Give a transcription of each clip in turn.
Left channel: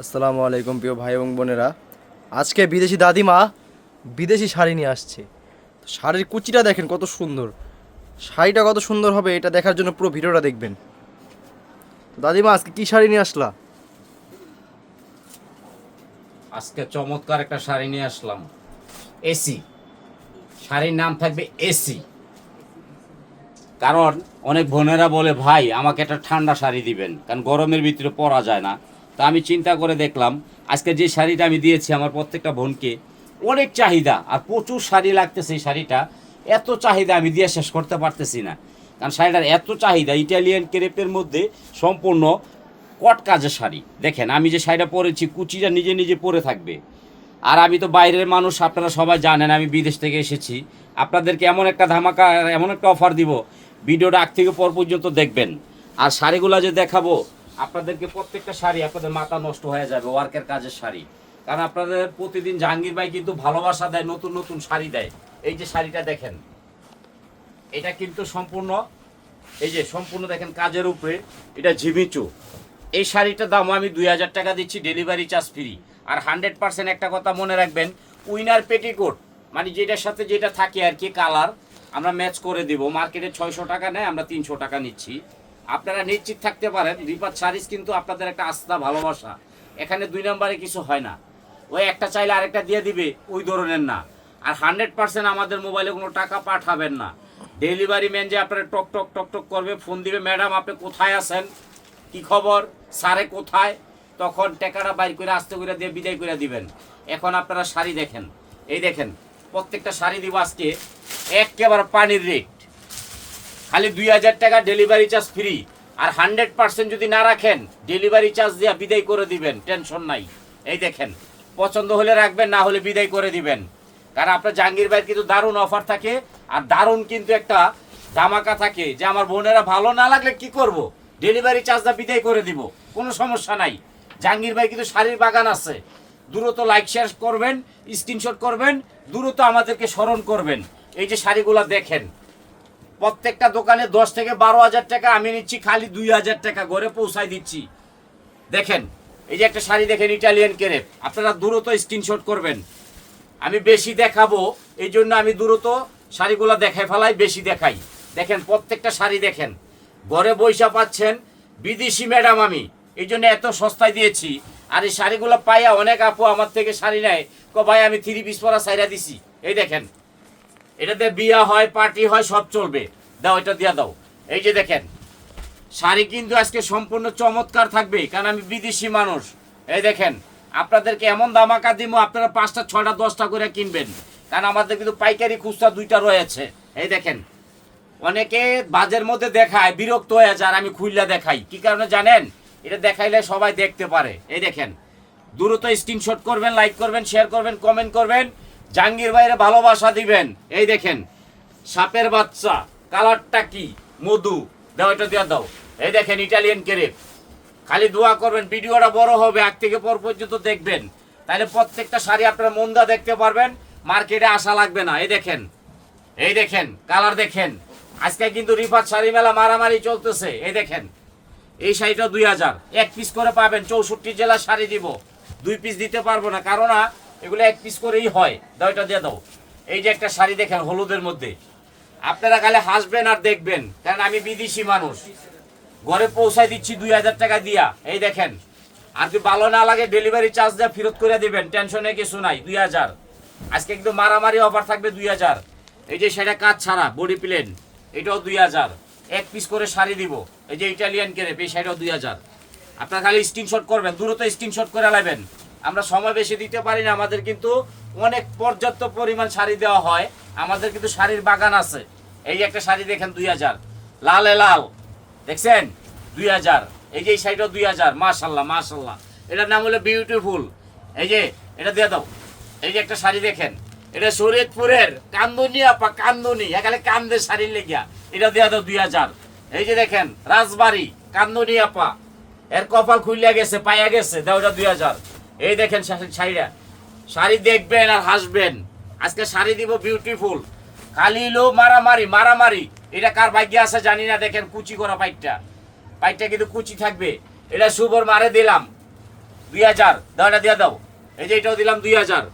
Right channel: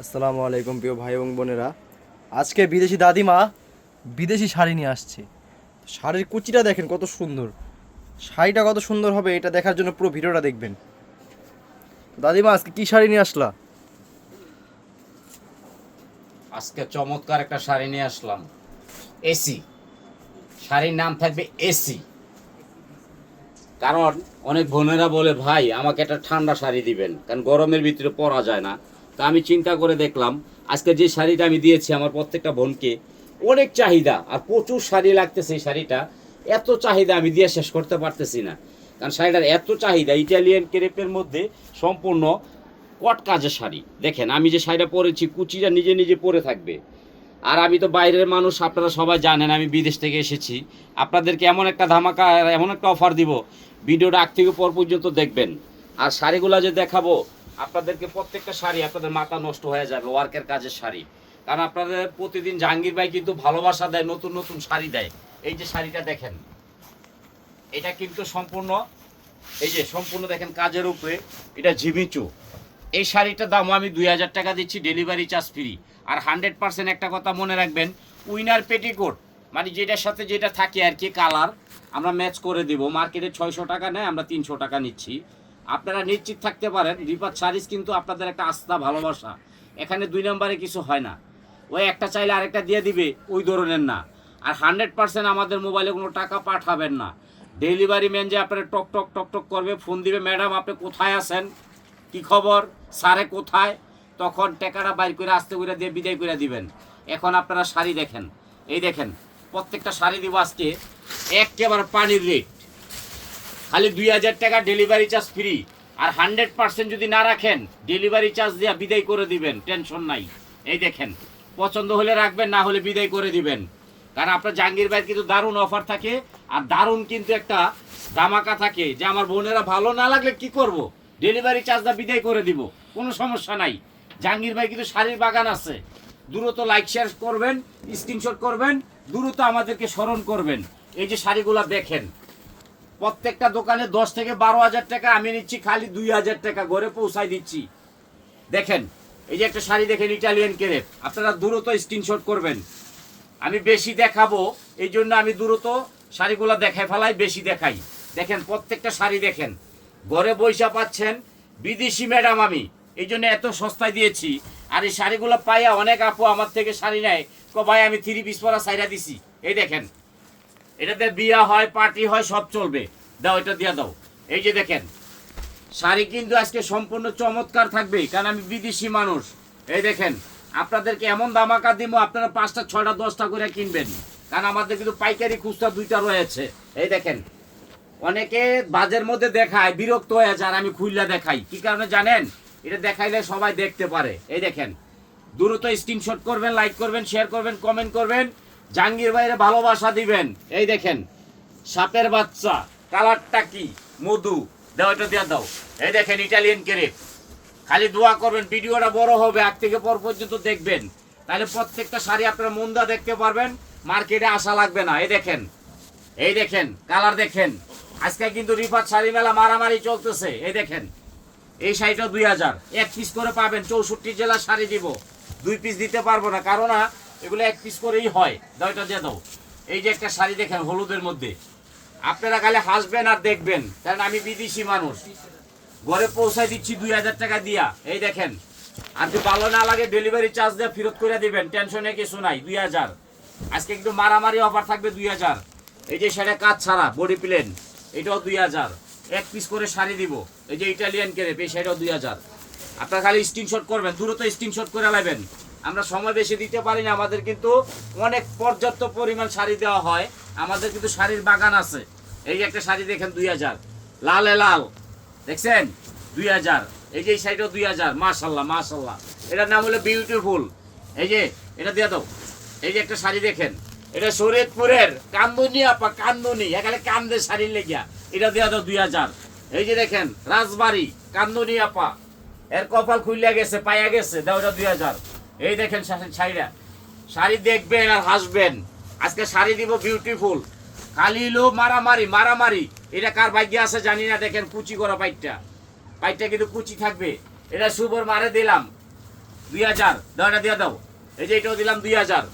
আসসালামু আলাইকুম প্রিয় ভাই এবং বোনেরা। আজকে বিদেশি দাদিমা বিদেশি শাড়ি নিয়ে আসছে। শাড়ির কুচিটা দেখেন কত সুন্দর, শাড়িটা কত সুন্দর হবে এটা দেখার জন্য পুরো ভিডিওটা দেখবেন। তো দাদিমা আজকে কি শাড়ি নিয়ে আসলা? আজকে চমৎকার একটা শাড়ি নিয়ে আসলাম। এসি শাড়ির নাম থাকবে এসি। কারণ অনেক বোনেরা বলে ভাই আমাকে একটা ঠান্ডা শাড়ি দিবেন, কারণ গরমের ভিতরে পরা যায় না। তা আমি চিন্তা করে দেখলাম আজকে যে শাড়িটা আমি দিয়েছি আমার প্রত্যেকটা বোনকে, অনেক চাহিদা আর প্রচুর শাড়ি লাগতেছে। এই শাড়িটা এত চাহিদা আমি দিয়ে শেষ করতে পারতেছি না, কারণ শাড়িটার এত চাহিদা। ইটালিয়ান ক্রেপের মধ্যে সম্পূর্ণ কট কাজের শাড়ি। দেখেন আমি যে শাড়িটা পরেছি কুচিটা নিজে নিজে পরে থাকবে। আর আমি তো বাইরের মানুষ, আপনারা সবাই জানেন আমি বিদেশ থেকে এসেছি। আপনাদেরকে এমন একটা ধামাকা, এমন একটা অফার দিব, ভিডিওটা আগ থেকে পর পর্যন্ত দেখবেন। আর শাড়িগুলো যে দেখাবো আপনাদেরকে, প্রত্যেকটা শাড়ি আপনাদের মাথা নষ্ট হয়ে যাবে। ওয়ার্কের কাজের শাড়ি, কারণ আপনাদের প্রতিদিন জাহাঙ্গীর ভাই কিন্তু ভালোবাসা দেয়, নতুন নতুন শাড়ি দেয়। এই যে শাড়িটা দেখেন, এটা কিন্তু সম্পূর্ণ, এই যে সম্পূর্ণ দেখেন কাজের উপরে, এটা ঝিমিচু। এই শাড়িটার দাম আমি 2000 টাকা দিচ্ছি, ডেলিভারি চার্জ ফ্রি। আর 100% একটা কথা মনে রাখবেন, উইনার পেটিকোট মানে যেটার সাথে যেটা থাকে আর কি কালার, আমরা ম্যাচ করে দিব। মার্কেটে 600 টাকা নেয়, আমরা 300 টাকা নিচ্ছি। আপনারা নিশ্চিত থাকতে পারেন রিফাত শাড়িজ কিন্তু আপনাদের একটা আস্থা ভালোবাসা। এখানে 2 নম্বরে কিছু হয় না, ওই একটা চাইলে আরেকটা দিয়ে দিবে ওই ধরনের না। আর 100% আমাদের মোবাইলে কোনো টাকা পাঠাবেন না। ডেলিভারি ম্যান যে আপনারা টক টক টক টক করবে, ফোন দিবে, ম্যাডাম আপনি কোথায় আছেন, কি খবর, স্যারে কোথায়, তখন টাকাটা বাইর করে আস্তে করে দিয়ে বিদায় করে দিবেন। এখন আপনারা শাড়ি দেখেন, এই দেখেন প্রত্যেকটা শাড়ি দিব আজকে একেবারে পানির রেট, খালি 2000 টাকা ডেলিভারি চার্জ ফ্রি। আর 100% যদি না রাখেন ডেলিভারি চার্জ দিয়ে বিদায় করে দিবেন, টেনশন নাই। এই দেখেন পছন্দ হলে রাখবেন, না হলে বিদায় করে দিবেন। কারণ আপনার জাহাঙ্গীর ভাইয়ের কিন্তু দারুণ অফার থাকে, আর দারুণ কিন্তু একটা ধামাকা থাকে যে আমার বোনেরা ভালো না লাগলে কি করব, ডেলিভারি চার্জটা বিদায় করে দিব, কোনো সমস্যা নাই। জাহাঙ্গীর ভাই কিন্তু শাড়ির বাগান আছে। দ্রুত লাইক শেয়ার করবেন, স্ক্রিনশট করবেন, দ্রুত আমাদেরকে স্মরণ করবেন। এই যে শাড়িগুলো দেখেন, প্রত্যেকটা দোকানে 10 থেকে 12 হাজার টাকা, আমি নিচ্ছি খালি 2000 টাকা, ঘরে পৌঁছাই দিচ্ছি। দেখেন এই যে একটা শাড়ি দেখেন, ইটালিয়ান ক্রেপ, আপনারা দ্রুত স্ক্রিনশট করবেন। আমি বেশি দেখাবো এই জন্য আমি দ্রুত শাড়িগুলো দেখাই ফেলাই, বেশি দেখাই। দেখেন প্রত্যেকটা শাড়ি দেখেন, ঘরে বৈশা পাচ্ছেন। বিদেশি ম্যাডাম আমি এই জন্য এত সস্তায় দিয়েছি। আর এই শাড়িগুলো পাইয়া অনেক আপু আমার থেকে শাড়ি নেয়, ভাই আমি 3 পিস পরা সাইরা দিছি। এই দেখেন এটাতে বিয়া হয়, পার্টি হয়, সব চলবে। দাও এটা দিয়া দাও। এই যে দেখেন শাড়ি কিন্তু আজকে সম্পূর্ণ চমৎকার থাকবে, কারণ আমি বিদেশি মানুষ। এই দেখেন আপনাদেরকে এমন দামাকা দিব, আপনারা 5টা 6টা 10টা করে কিনবেন, কারণ আমাদের কিন্তু পাইকারি খুচরা 2টা রয়েছে। এই দেখেন অনেকে বাজের মধ্যে দেখায়, বিরক্ত হয়ে যায়, আমি খুললা দেখাই কি কারণে জানেন, এটা দেখাইলে সবাই দেখতে পারে। এই দেখেন দ্রুত স্ক্রিনশট করবেন, লাইক করবেন, শেয়ার করবেন, কমেন্ট করবেন, জাহাঙ্গীর ভাইয়ের ভালোবাসা দিবেন। এই দেখেন সাপের বাচ্চা, কালারটা কি মধু, দাও এটা দিয়ে দাও। এই দেখেন ইটালিয়ান ক্রেপ, খালি দোয়া করবেন ভিডিওটা বড় হবে, আগ থেকে পর পর্যন্ত দেখবেন, তাহলে প্রত্যেকটা শাড়ি আপনারা মন্দা দেখতে পারবেন, মার্কেটে আসা লাগবে না। এই দেখেন, এই দেখেন কালার দেখেন। আজকে কিন্তু রিফাত শাড়ি মেলা মারামারি চলতেছে। এই দেখেন এই শাড়িটা 2000, 1 পিস করে পাবেন। 64 জেলার শাড়ি দিব, 2 পিস দিতে পারবো না, কারণ এগুলো 1 পিস করেই হয়। দাও এটা দিয়ে দাও। এই যে একটা শাড়ি দেখেন হলুদের মধ্যে, আপনারা খালি হাসবেন আর দেখবেন, কারণ আমি বিদেশি মানুষ, ঘরে পৌঁছায় দিচ্ছি 2000 টাকা দিয়া। এই দেখেন আর যদি ভালো না লাগে ডেলিভারি চার্জ দিয়ে ফেরত করে দিবেন, টেনশনে কিছু নাই। 2000 আজকে কিন্তু মারামারি অফার থাকবে 2000। এই যে সেটা কাজ ছাড়া বডি প্লেন, এটাও 2000, 1 পিস করে শাড়ি দিব। এই যে ইটালিয়ান ক্রেপ, এই শাড়িটাও 2000। আপনারা খালি স্ক্রিনশট করবেন, দ্রুত স্ক্রিনশট করে নেবেন। আমরা সময় বেশি দিতে পারি না, আমাদের কিন্তু অনেক পর্যাপ্ত পরিমাণ শাড়ি দেওয়া হয়, আমাদের কিন্তু শাড়ির বাগান আছে। এই যে একটা শাড়ি দেখেন 2000, লালে লাল দেখছেন 2000। এই যে এই শাড়িটাও 2000, মাশাল্লাহ মাশাল্লাহ, এটার নাম হলো বিউটিফুল। এই যে এটা দিয়ে দাও। এই যে একটা শাড়ি দেখেন, এটা শরীয়তপুরের কান্দনি আপা, কান্দনি এখানে কান্দের শাড়ির লেগিয়া, এটা দিয়ে দাও 2000। এই যে দেখেন রাজবাড়ি কান্দনি আপা, এর কপাল খুলিয়া গেছে, পাইয়া গেছে, দাও এটা 2000। এই দেখেন শাড়িটা, শাড়ি দেখবেন আর হাসবেন। আজকে শাড়ি দিব বিউটিফুল, খালি লো মারামারি মারামারি। এটা কার ভাগ্যে আছে জানি না। দেখেন কুচি করা পাইটটা, পাইটটা কিন্তু কুচি থাকবে। এটা শুভর মারে দিলাম, 2000 দাও, এটা দিয়ে দাও। এই যে এটাও দিলাম 2000।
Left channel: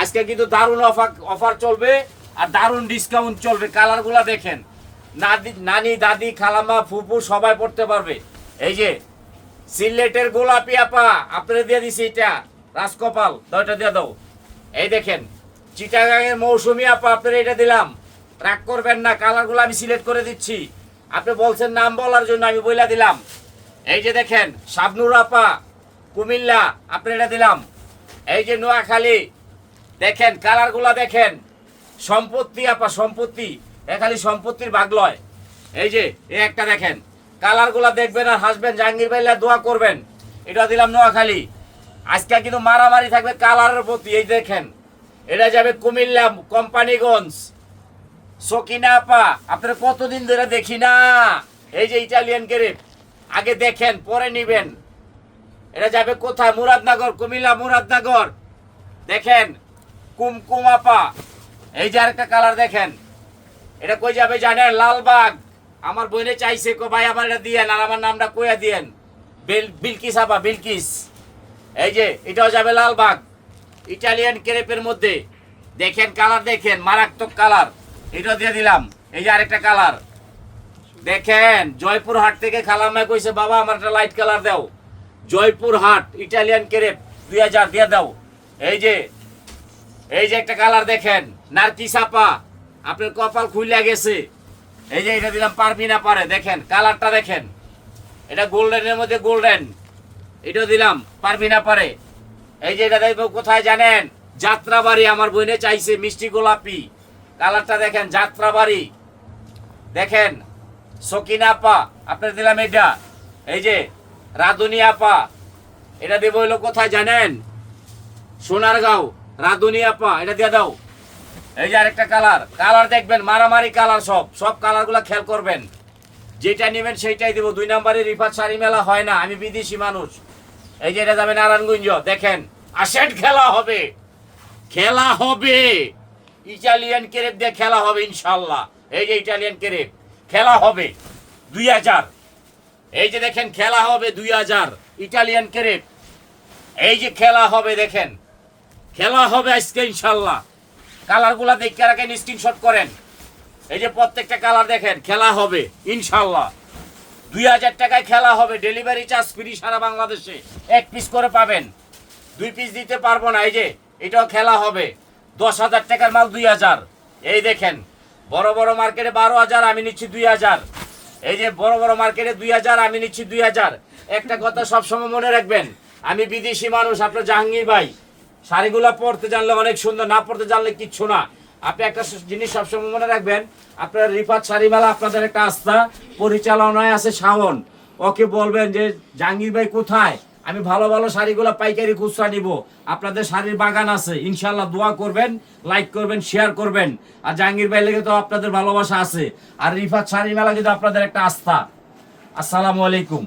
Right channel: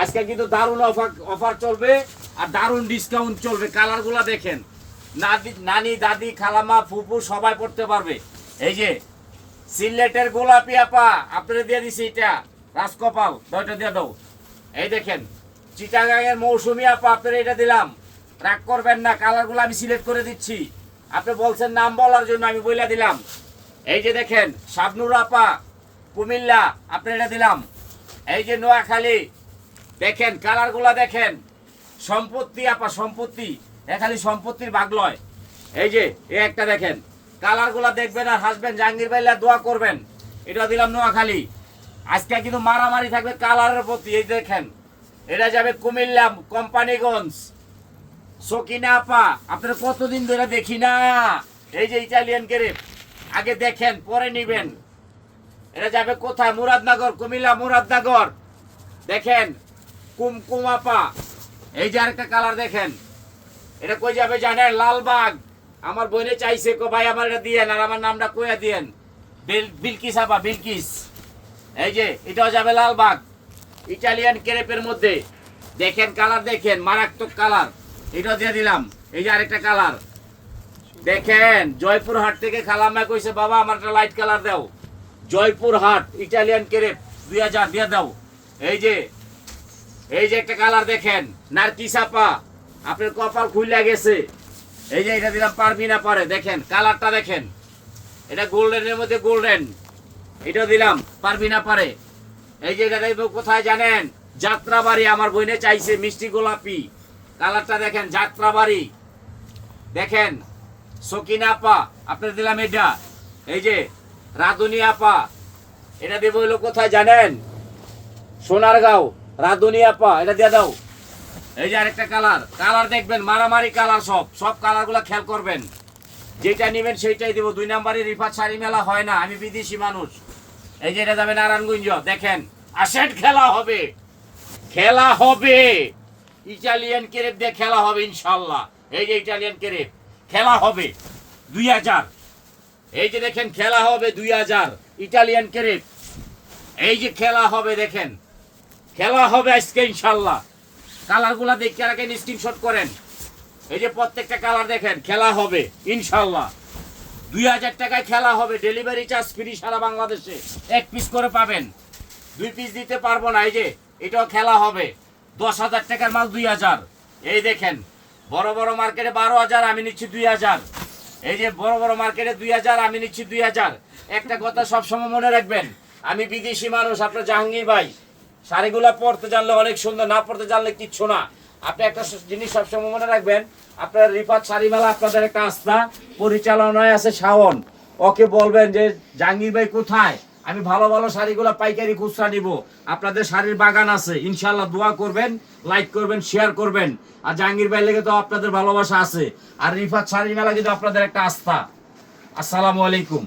আজকে কিন্তু দারুণ অফার চলবে আর দারুণ ডিসকাউন্ট চলবে। কালারগুলা দেখেন, নানি দাদি খালামা ফুপু সবাই পড়তে পারবে। এই যে সিলেটের গোলাপি আপা আপনারা দিয়ে দিছি, এটা রাজকপাল দাও, এটা দিয়ে দাও। এই দেখেন চিটাগাংয়ের মৌসুমী আপা আপনারা এটা দিলাম, রাগ করবেন না, কালারগুলো আমি সিলেক্ট করে দিচ্ছি। আপনি বলছেন নাম বলার জন্য, আমি বইলা দিলাম। এই যে দেখেন শাবনুর আপা কুমিল্লা আপনারা এটা দিলাম। এই যে নোয়াখালী দেখেন কালারগুলা দেখেন, সম্পত্তি আপা সম্পত্তি, খালি সম্পত্তির ভাগ লয়। এই যে একটা দেখেন কালারগুলা দেখবেন আর হাসবেন, জাহাঙ্গীর ভাইলা দোয়া করবেন। এটা দিলাম নোয়াখালী। আজকে কিন্তু মারামারি থাকবে কালারের প্রতি। এই দেখেন এটা যাবে কুমিল্লা কোম্পানিগঞ্জ। সকিনা আপা আপনারা কতদিন ধরে দেখি না, এই যে ইটালিয়ান গ্রেপ, আগে দেখেন পরে নিবেন। এটা যাবে কোথায়? মুরাদনগর, কুমিল্লা মুরাদনগর। দেখেন কুমকুম আপা, এই যে আরেকটা কালার দেখেন, এটা কই যাবে জানেন? লালবাগ। আমার বোনে চাইছে কো ভাই আমার এটা দিয়েন, আর আমার নামটা কইয়া দিয়েন, বিলকিস আপা, বিলকিস। এই যে এটাও যাবে লালবাগ, ইটালিয়ান ক্রেপের মধ্যে। দেখেন কালার দেখেন, মারাত্মক কালার, এটাও দিয়ে দিলাম। এই যে আরেকটা কালার দেখেন, জয়পুরহাট থেকে খালাম্মা কইছে বাবা আমার একটা লাইট কালার দাও। জয়পুরহাট ইটালিয়ান ক্রেপ 2000 দিয়ে দাও। এই যে একটা কালার দেখেন, নার্কিস আপা আপনার কপাল খুলে গেছে। এই যে এটা দিলাম পারবিনা পারে, দেখেন কালারটা দেখেন, এটা গোল্ডেনের মধ্যে গোল্ডেন, এটা দিলাম পারবিনা পারে। এই যে এটা দেখবো কোথায় জানেন? যাত্রাবাড়ি, আমার বোনে চাইছে মিষ্টি গোলাপি, কালারটা দেখেন যাত্রাবাড়ি। দেখেন সকিনা আপা আপনার দিলাম এটা। এই যে রাধুনি আপা, এটা দেবো হলো কোথায় জানেন? সোনারগাঁও, রাধুনি আপা এটা দিয়ে দাও। এই যে আরেকটা কালার দেখবেন, মারামারি কালার, সব কালারগুলো খেয়াল করবেন, যেটা নেবেন সেইটাই দিব। 2 নম্বরে রিফাত শাড়ি মেলা হয় না, আমি বিদেশি মানুষ। এই যে এটা যাবে নারায়ণগঞ্জ। দেখেন আসেন, খেলা হবে, খেলা হবে, ইটালিয়ান ক্রেপ দিয়ে খেলা হবে ইনশাল্লাহ। এই যে ইটালিয়ান ক্রেপ খেলা হবে 2000। এই যে দেখেন খেলা হবে 2000 ইটালিয়ান ক্রেপ। এই যে খেলা হবে, দেখেন খেলা হবে আজকে ইনশাল্লাহ। কালারগুলা দেখে রাখেন, স্ক্রিনশট করেন। এই যে প্রত্যেকটা কালার দেখেন, খেলা হবে ইনশাল্লাহ। 2000 টাকায় খেলা হবে, ডেলিভারি চার্জ ফ্রি সারা বাংলাদেশে। 1 পিস করে পাবেন, 2 পিস দিতে পারবো না। এই যে এটাও খেলা হবে, 10,000 টাকার মাল 2000। এই দেখেন বড় বড় মার্কেটে 12,000, আমি নিচ্ছি 2000। এই যে বড় বড় মার্কেটে 2000, আমি নিচ্ছি 2000। একটা কথা সবসময় মনে রাখবেন, আমি বিদেশি মানুষ, আপনার জাহাঙ্গীর ভাই শাড়িগুলো পরতে জানলে অনেক সুন্দর, না পরতে জানলে কিচ্ছু না। আপনি একটা জিনিস সবসময় মনে রাখবেন, আপনার রিফাত শাড়ি মেলা আপনাদের একটা আস্থা, পরিচালনায় আছে শাওন। ওকে বলবেন যে জাহাঙ্গীর ভাই কোথায়, আমি ভালো ভালো শাড়িগুলো পাইকারি খুচরা নিব। আপনাদের শাড়ির বাগান আছে ইনশাল্লাহ। দোয়া করবেন, লাইক করবেন, শেয়ার করবেন। আর জাহাঙ্গীর ভাই লেগে তো আপনাদের ভালোবাসা আছে, আর রিফাত শাড়ি মেলা কিন্তু আপনাদের একটা আস্থা। আসসালামু আলাইকুম।